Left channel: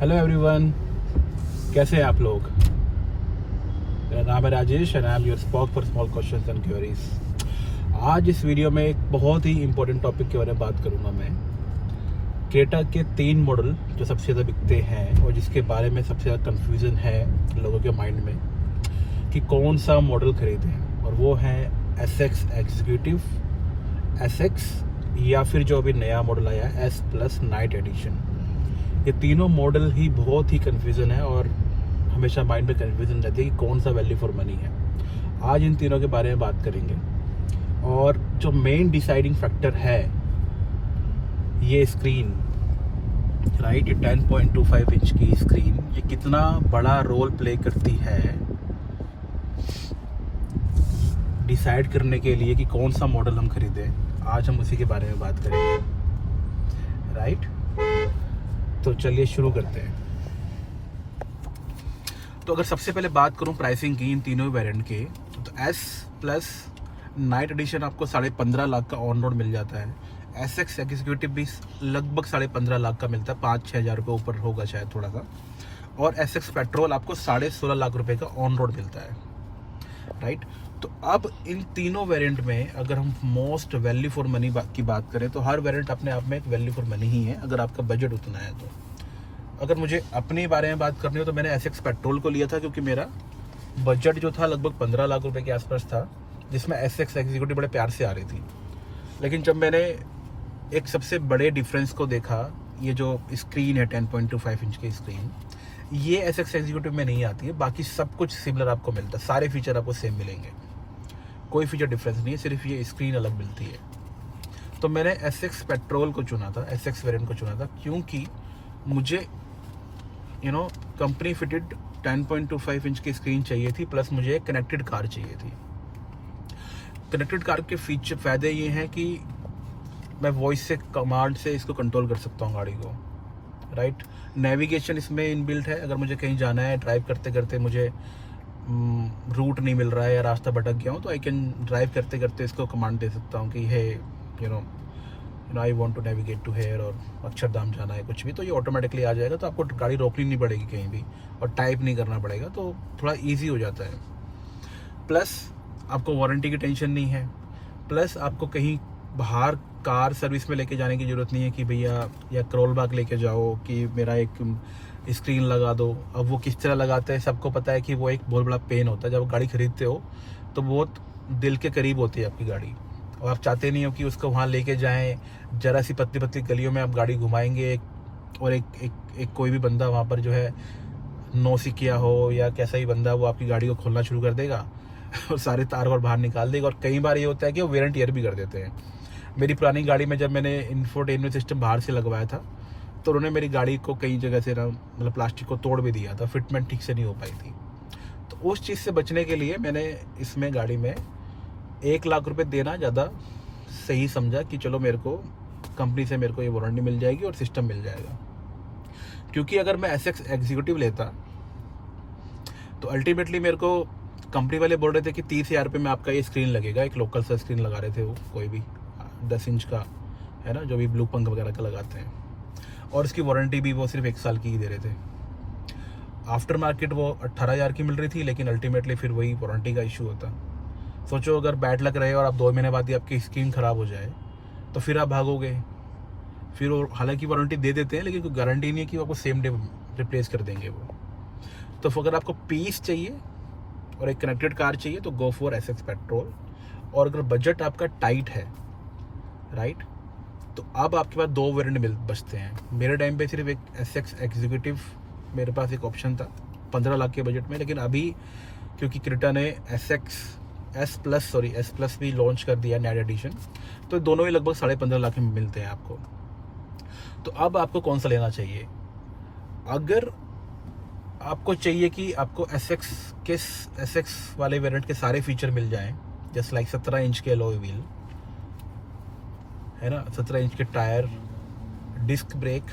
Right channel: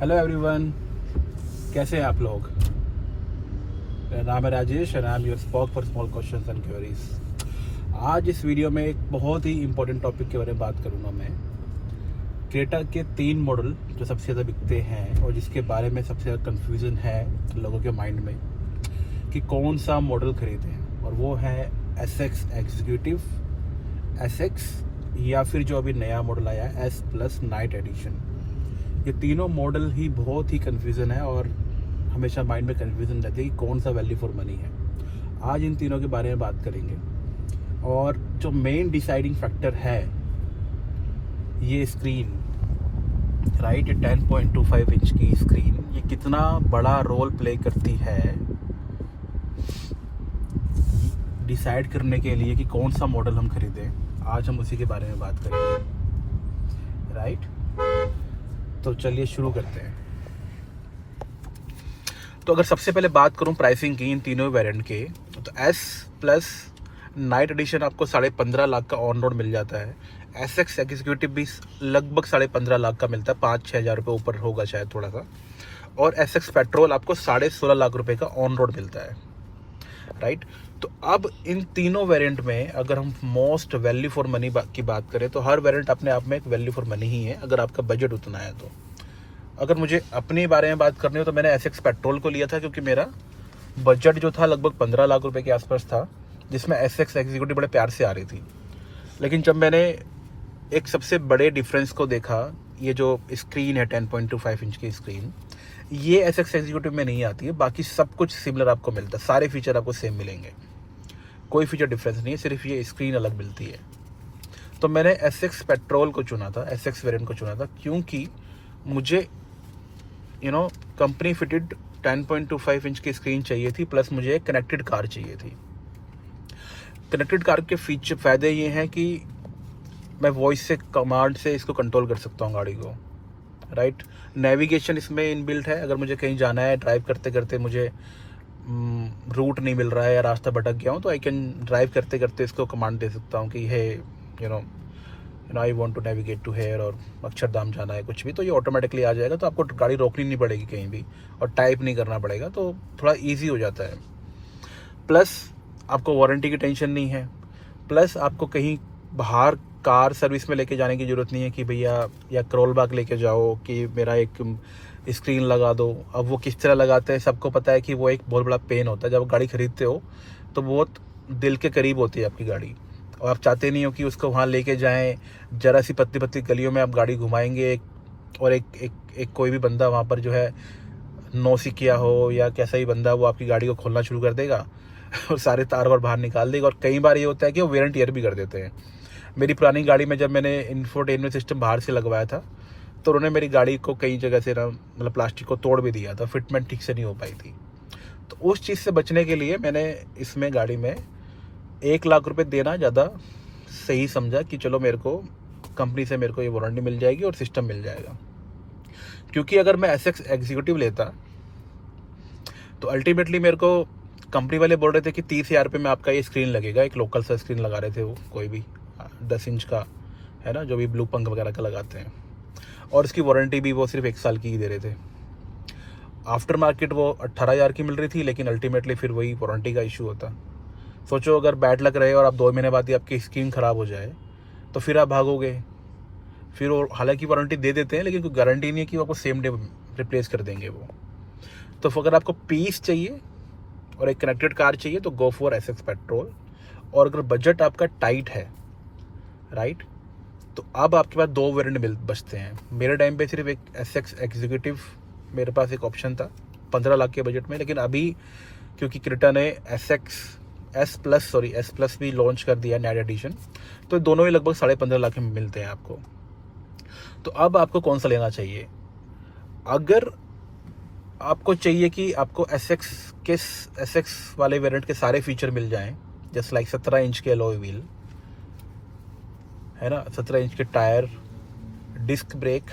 Hello everyone, कैसे हैं आप लोग। मेरा नाम है Rajesh and I am your spoke for small questions and queries. आज इस वीडियो में एक बहुत ही इंपॉर्टेंट टॉपिक के बारे में बात करूंगा मैं। क्रेटा के 3 मॉडल जो सबसे ज़्यादा बिकते हैं और जिसके बारे में सबसे ज़्यादा कन्फ्यूज़न है लोगों के माइंड में कि कौन सा मॉडल खरीदें, और वो है SX एग्जीक्यूटिव, SX या फिर जो अभी नया मॉडल आया है S+ नाइट एडिशन। ये तीनों मॉडल ही बहुत ही कन्फ्यूज़न है और हमेशा माइंड में कन्फ्यूज़न रहती है कि कौन सा वैल्यू फॉर मनी है। आज इन तीनों के बारे में बात करेंगे और जो मेन डिसाइडिंग फैक्टर है ये स्क्रीन, राइट। ये 10.25 इंच की स्क्रीन ये कितना बड़ा रोल प्ले करती है डिसाइड करने के लिए कि कौन सा मॉडल हम खरीदें। आज हम उसी के बारे में बात करेंगे, राइट। तो चलिए शुरू करते हैं। तो अगर सबसे पहले बात करूं प्राइसिंग की इन तीनों वेरिएंट के, तो S+ नाइट एडिशन आपको 15.5 लाख का ऑन रोड मिल जाता है। SX एग्जीक्यूटिव भी लगभग 15.5 लाख का मिलता है, 5-6 हज़ार रुपये ऊपर होगा शायद थोड़ा सा। और SX पेट्रोल आपको 16.5 लाख रुपए का ऑन रोड मिलता है, राइट। तो अब इन तीनों वेरिएंट में अगर हम मोस्ट वैल्यू फॉर मनी की बात करें तो हर वेरिएंट अपने आप में एक वैल्यू फॉर मनी ही है, अगर आपका बजट उतना है तो। अगर मुझे अपने बारे में बात करनी हो तो मैंने SX पेट्रोल को लिया था क्योंकि मेरा बजट जो था लगभग 15 लाख रुपए के आसपास था, जिसमें SX एग्जीक्यूटिव बड़े प्यार से आ रही थी। लेकिन जब मैंने एक सबसे बड़े डिफरेंस को देखा, ये जो स्क्रीन है 10.25 इंच की स्क्रीन, ये SX एग्जीक्यूटिव में नहीं आती है। बाकी सब कुछ सिमिलर आपको मिलता है, सारे फीचर आपको सेम मिलेंगे, कोई फीचर डिफरेंस नहीं है, सिर्फ ये स्क्रीन अलग मिलती है। तो मैंने SX पेट्रोल को चुना था, SX वेरिएंट को चुना था, क्योंकि मुझे कंपनी फिटेड 10.25 इंच की स्क्रीन चाहिए थी, प्लस मुझे एक कनेक्टेड कार चाहिए थी। कनेक्टेड कार के फीचर फ़ायदे ये हैं कि मैं वॉइस से, कमांड से इसको कंट्रोल कर सकता हूँ गाड़ी को, राइट। नेविगेशन इसमें इनबिल्ट है। अगर मुझे कहीं जाना है, ड्राइव करते करते मुझे रूट नहीं मिल रहा है या रास्ता भटक गया हूँ, तो आई कैन ड्राइव करते करते इसको कमांड दे सकता हूँ कि hey I want to navigate to here, और अक्षरधाम जाना है कुछ भी, तो ये ऑटोमेटिकली आ जाएगा। तो आपको गाड़ी रोकनी नहीं पड़ेगी कहीं भी और टाइप नहीं करना पड़ेगा, तो थोड़ा ईजी हो जाता है। प्लस आपको वारंटी की टेंशन नहीं है। प्लस आपको कहीं बाहर कार सर्विस में लेके जाने की ज़रूरत नहीं है कि भैया या करोल बाग लेके जाओ कि मेरा एक स्क्रीन लगा दो। अब वो किस तरह लगाते हैं सबको पता है कि वो एक बहुत बड़ा पेन होता है। जब गाड़ी खरीदते हो तो बहुत दिल के करीब होती है आपकी गाड़ी, और आप चाहते नहीं हो कि उसको वहाँ लेके जाएं, जरा सी पतली पतली गलियों में आप गाड़ी घुमाएंगे और एक कोई भी बंदा वहाँ पर जो है नौसिखिया हो या कैसा भी बंदा, वो आपकी गाड़ी को खोलना शुरू कर देगा और सारे तार वार बाहर निकाल देगा। और कई बार ये होता है कि वो वेयर एंड टियर भी कर देते हैं। मेरी पुरानी गाड़ी में जब मैंने इंफोटेनमेंट सिस्टम बाहर से लगवाया था तो उन्होंने मेरी गाड़ी को कई जगह से मतलब प्लास्टिक को तोड़ भी दिया था, फिटमेंट ठीक से नहीं हो पाई थी। तो उस चीज़ से बचने के लिए मैंने इसमें गाड़ी में 1 लाख रुपए देना ज़्यादा सही समझा कि चलो मेरे को कंपनी से मेरे को ये वारंटी मिल जाएगी और सिस्टम मिल जाएगा। क्योंकि अगर मैं SX एग्जीक्यूटिव लेता तो अल्टीमेटली मेरे को कंपनी वाले बोल रहे थे कि 30,000 रुपये में आपका ये स्क्रीन लगेगा। एक लोकल सा स्क्रीन लगा रहे थे, वो कोई भी 10 इंच का है ना, जो भी ब्लू पंख वगैरह का लगाते हैं, और इसकी वारंटी भी वो सिर्फ 1 साल की ही दे रहे थे। आफ्टर मार्केट वो 18,000 की मिल रही थी, लेकिन अल्टीमेटली फिर वही वारंटी का इशू होता। सोचो अगर बैड लक रहे और आप 2 महीने बाद ही आपकी स्क्रीन ख़राब हो जाए तो फिर आप भागोगे। फिर वो हालांकि वारंटी दे देते हैं, लेकिन कोई गारंटी नहीं है कि वो आपको सेम डे रिप्लेस कर देंगे वो। तो अगर आपको पीस चाहिए और एक कनेक्टेड कार चाहिए तो गो फॉर SX पेट्रोल। और अगर बजट आपका टाइट है, राइट, तो अब आपके पास 2 वेरिएंट बचते हैं। मेरे टाइम पे सिर्फ एक SX एग्जीक्यूटिव मेरे पास एक ऑप्शन था 15 लाख के बजट में, लेकिन अभी क्योंकि क्रेटा ने S+ भी लॉन्च कर दिया नाइट एडिशन, तो दोनों ही लगभग 15.5 लाख में मिलते हैं आपको। तो अब आपको कौन सा लेना चाहिए? अगर आपको चाहिए कि आपको SX वाले वेरिएंट के सारे फीचर मिल जाएं, जस्ट लाइक 17 इंच के अलॉय व्हील है ना, 17 इंच के टायर, डिस्क ब्रेक,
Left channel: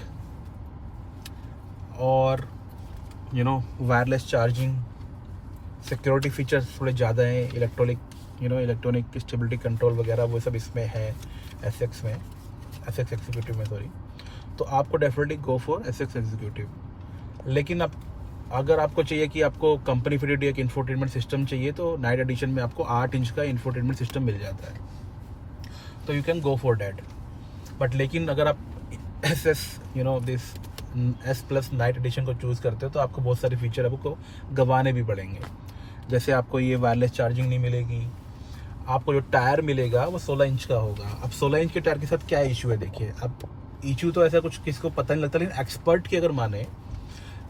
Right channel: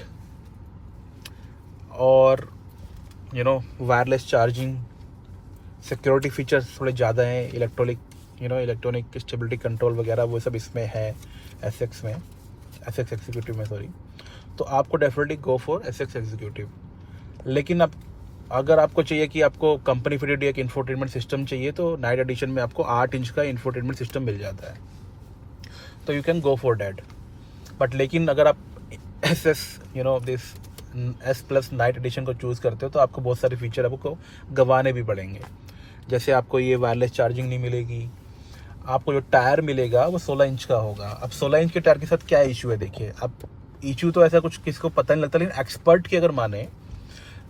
और वायरलेस चार्जिंग, सिक्योरिटी फीचर्स थोड़े ज़्यादा हैं, इलेक्ट्रॉनिक स्टेबिलिटी कंट्रोल वगैरह वो सब इसमें है SX एग्जीक्यूटिव में, सॉरी। तो आपको definitely go for SX executive. लेकिन अब अगर आपको चाहिए कि आपको कंपनी फिटेड एक इंफोटेनमेंट सिस्टम चाहिए तो नाइट एडिशन में आपको 8 इंच का इंफोटेनमेंट सिस्टम मिल जाता है, तो you can go for that. But लेकिन अगर आप दिस S+ नाइट एडिशन को चूज़ करते हो तो आपको बहुत सारे फीचर आपको गंवाने भी पड़ेंगे। जैसे आपको ये वायरलेस चार्जिंग नहीं मिलेगी, आपको जो टायर मिलेगा वो 16 इंच का होगा। अब 16 इंच के टायर के साथ क्या इशू है, देखिए अब इशू तो ऐसा कुछ किसी को पता नहीं लगता, लेकिन एक्सपर्ट की अगर माने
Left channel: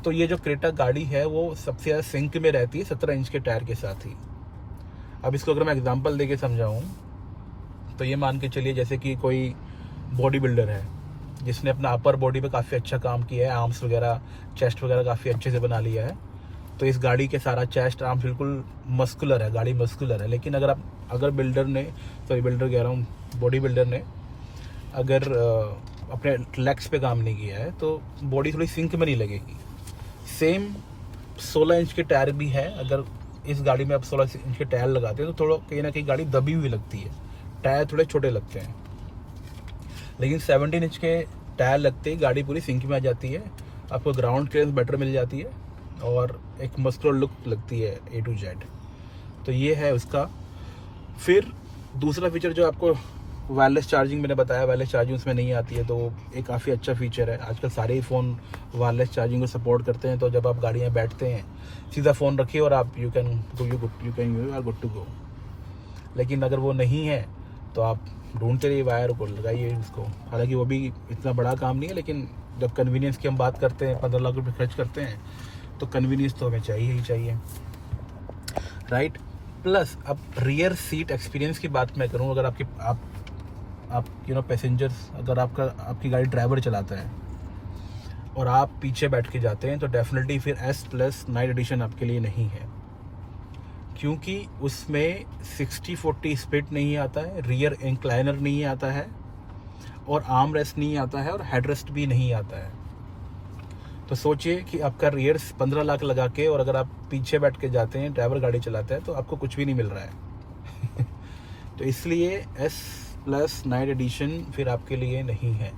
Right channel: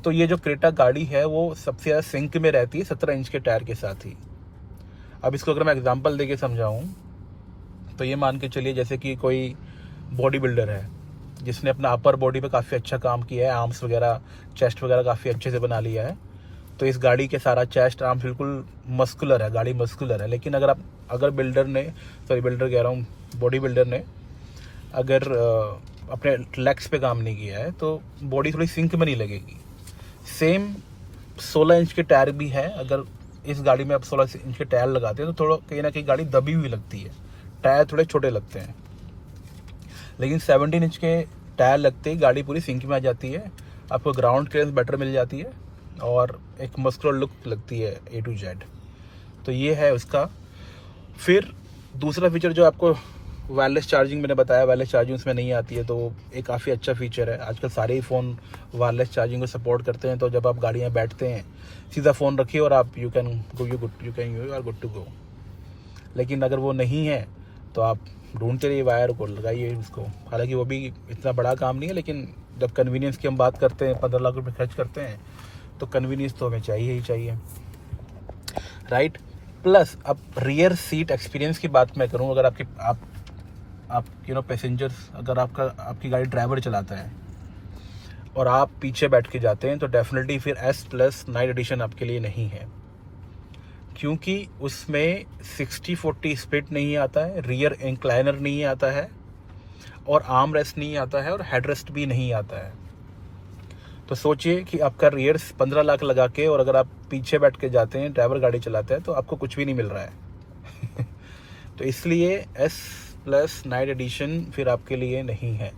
तो ये जो क्रेटा गाड़ी है वो सबसे ज़्यादा सिंक में रहती है 17 इंच के टायर के साथ ही। अब इसको अगर मैं एग्जांपल देके समझाऊं तो ये मान के चलिए जैसे कि कोई बॉडी बिल्डर है जिसने अपना अपर बॉडी पे काफ़ी अच्छा काम किया है, आर्म्स वगैरह चेस्ट वगैरह काफ़ी अच्छे से बना लिया है, तो इस गाड़ी के सारा चेस्ट आर्म बिल्कुल मस्कुलर है, गाड़ी मस्कुलर है। लेकिन अगर बिल्डर कह रहा हूँ, बॉडी बिल्डर ने अगर अपने लेग्स पे काम नहीं किया है तो बॉडी थोड़ी सिंक में नहीं लगेगी। सेम 16 इंच के टायर भी है, अगर इस गाड़ी में आप 16 इंच के टायर लगाते हैं तो थोड़ा कहीं ना कहीं गाड़ी दबी हुई लगती है, टायर थोड़े छोटे लगते हैं। लेकिन 17 इंच के टायर लगते ही गाड़ी पूरी सिंक में आ जाती है, आपको ग्राउंड क्लियरेंस बेटर मिल जाती है और एक मस्कुलर लुक लगती है A to Z। तो ये है उसका। फिर दूसरा फीचर जो आपको वायरलेस चार्जिंग मैंने बताया, वायरलेस चार्जिंग उसमें नहीं आती है, तो एक काफ़ी अच्छा फीचर है। आजकल सारे ही फ़ोन वायरलेस चार्जिंग को सपोर्ट करते हैं, तो जब आप गाड़ी में बैठते हैं सीधा फ़ोन रखिए और आप you are good to go. लेकिन अगर वो नहीं है तो आप ढूंढते रहिए वायर को, लगाइए उसको। हालांकि वो भी इतना बड़ा काम नहीं है, लेकिन जब कन्वीनियंस की हम बात करते हैं, 15 लाख रुपये खर्च करते हैं, तो कन्वीनियंस तो हमें चाहिए ही चाहिए, राइट। प्लस अब रियर सीट एक्सपीरियंस की बात मैं करूँ, अगर आप पैसेंजर्स, अगर आपकी गाड़ी ड्राइवर चलाता है और आप पीछे बैठ के जाते हैं तो डेफिनेटली फिर S+ नाइट एडिशन आपके लिए नहीं है, क्योंकि उसमें 60-40 स्प्लिट नहीं आता है, रियर इंक्लाइनर नहीं आता है और आर्म रेस्ट नहीं आता है और हेड रेस्ट भी नहीं आता है। तो सोचिए कि आपका रियर 15 लाख लगा के और अगर आप पीछे बैठ के जाते हैं, ड्राइवर गाड़ी चलाते हैं, तो आपको कुछ भी नहीं मिल रहा है। तो इसलिए S+ नाइट एडिशन फिर आपके लिए नहीं है।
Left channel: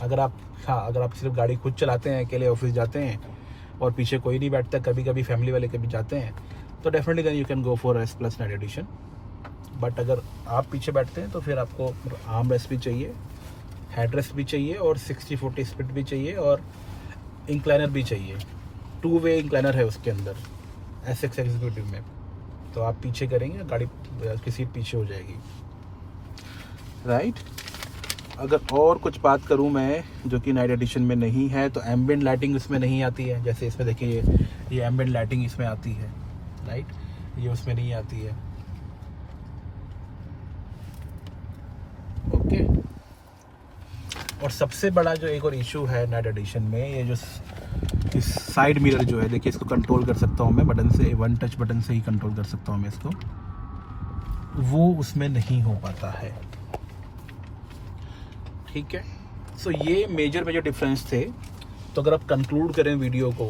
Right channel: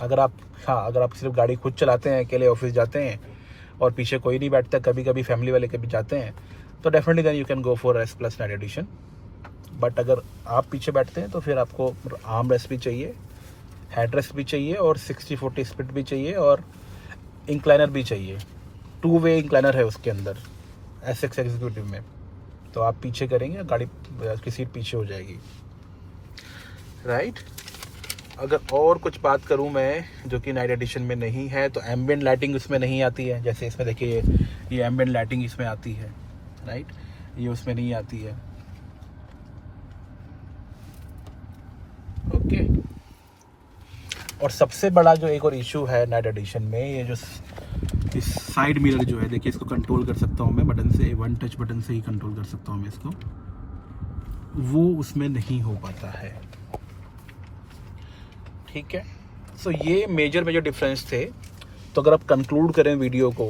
अगर आप सिर्फ गाड़ी खुद चलाते हैं, अकेले ऑफिस जाते हैं और पीछे कोई नहीं बैठता, कभी कभी फैमिली वाले कभी जाते हैं, तो definitely then you can go for S+ night edition. But अगर आप पीछे बैठते हैं तो फिर आपको आर्म रेस्ट भी चाहिए, हेड रेस्ट भी चाहिए और 60-40 स्प्लिट भी चाहिए और इंक्लाइनर भी चाहिए। 2 वे इंक्लाइनर है उसके अंदर SX एग्जीक्यूटिव में, तो आप पीछे करेंगे, गाड़ी की सीट पीछे हो जाएगी, राइट। अगर और कुछ बात करूं मैं जो कि नाइट एडिशन में नहीं है, तो एम्बिएंट लाइटिंग उसमें नहीं आती है। जैसे इसमें देखिए ये एम्बिएंट लाइटिंग इसमें आती है, राइट, ये उसमें नहीं आती है, ओके। और सबसे बड़ा जो एक और इशू है नाइट एडिशन में, ये जो इस साइड मिरर जो है, देखिए इसको कंट्रोल कर सकता हूँ मैं बटन से, 1 टच बटन से ही कंट्रोल कर सकता हूँ मैं इसको, वो उसमें नहीं हो पाता है, ठीक है। सो ये मेजर डिफरेंस थे। तो अगर आप कंक्लूड करें वीडियो को,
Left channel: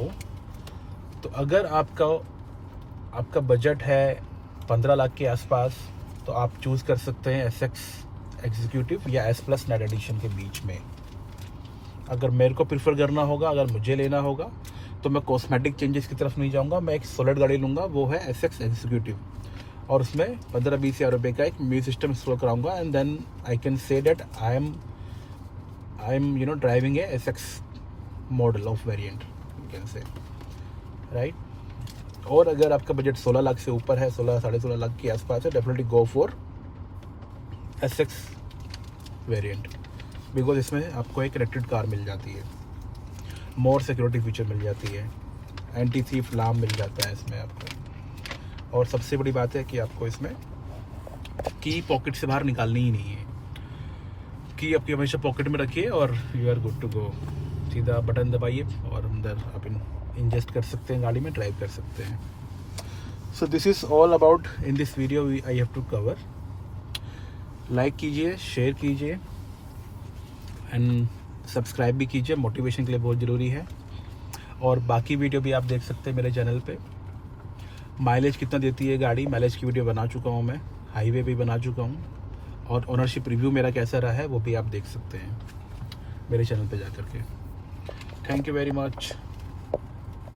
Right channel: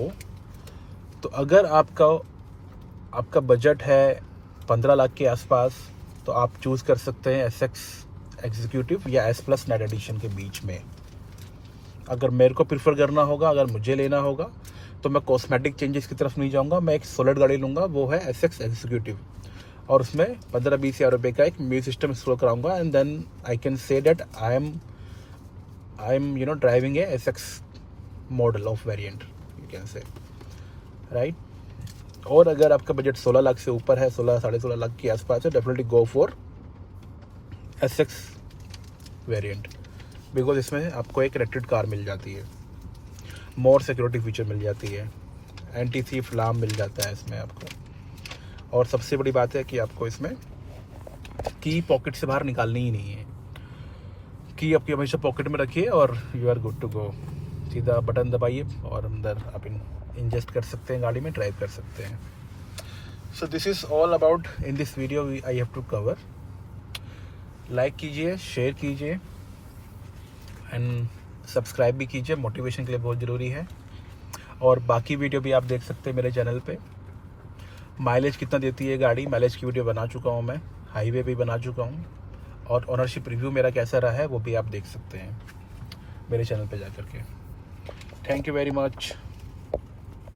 तो अगर आपका बजट है 15 लाख के आसपास, तो आप चूज़ कर सकते हैं SX एग्जीक्यूटिव या S+ नाइट एडिशन के बीच में। अगर मेरे को प्रीफर करना होगा, अगर मुझे लेना होगा, तो मैं कॉस्मेटिक चेंजेस की तरफ नहीं जाऊंगा, मैं एक सॉलिड गाड़ी लूँगा, वो है SX एग्जीक्यूटिव, और उसमें 15-20 हज़ार रुपये का एक म्यूजिक सिस्टम इंस्टॉल कराऊंगा, and then I can say that I am driving a SX model of variant, you can say, right. और अगर आपका बजट 16 लाख से ऊपर है, 16-16.5 लाख के आसपास है, definitely go for SX variant, because इसमें आपको एक कनेक्टेड कार मिल जाती है, मोर सिक्योरिटी फीचर मिल जाती है, एंटी थीफ अलार्म मिल जाता है इसमें आपको, और सबसे बड़ी बात है कि आपको इसमें की पॉकेट से बाहर निकालनी ही नहीं है, की आपकी हमेशा पॉकेट में रखिए और you are good to go. सीधा बटन दबाइए और अंदर आप इंजेस्ट कर सकते हैं, गाड़ी में ड्राइव कर सकते हैं। So this is all about in this video I have to cover. Like कीजिए, शेयर कीजिए एंड सब्सक्राइब भी कीजिए, मोटिवेशन के लिए बहुत ज़रूरी है। और बाकी वीडियो भी आप देख सकते हैं मेरे चैनल पे। माइलेज कितना देती है गाड़ी, माइलेज की वीडियो बना चुका हूँ मैं, हाईवे भी बना चुका हूँ, और ओनरशिप रिव्यू मेरा कैसा रहा है वो भी आप देख सकते हैं मेरे चैनल पे जा कर के। Thank you very much.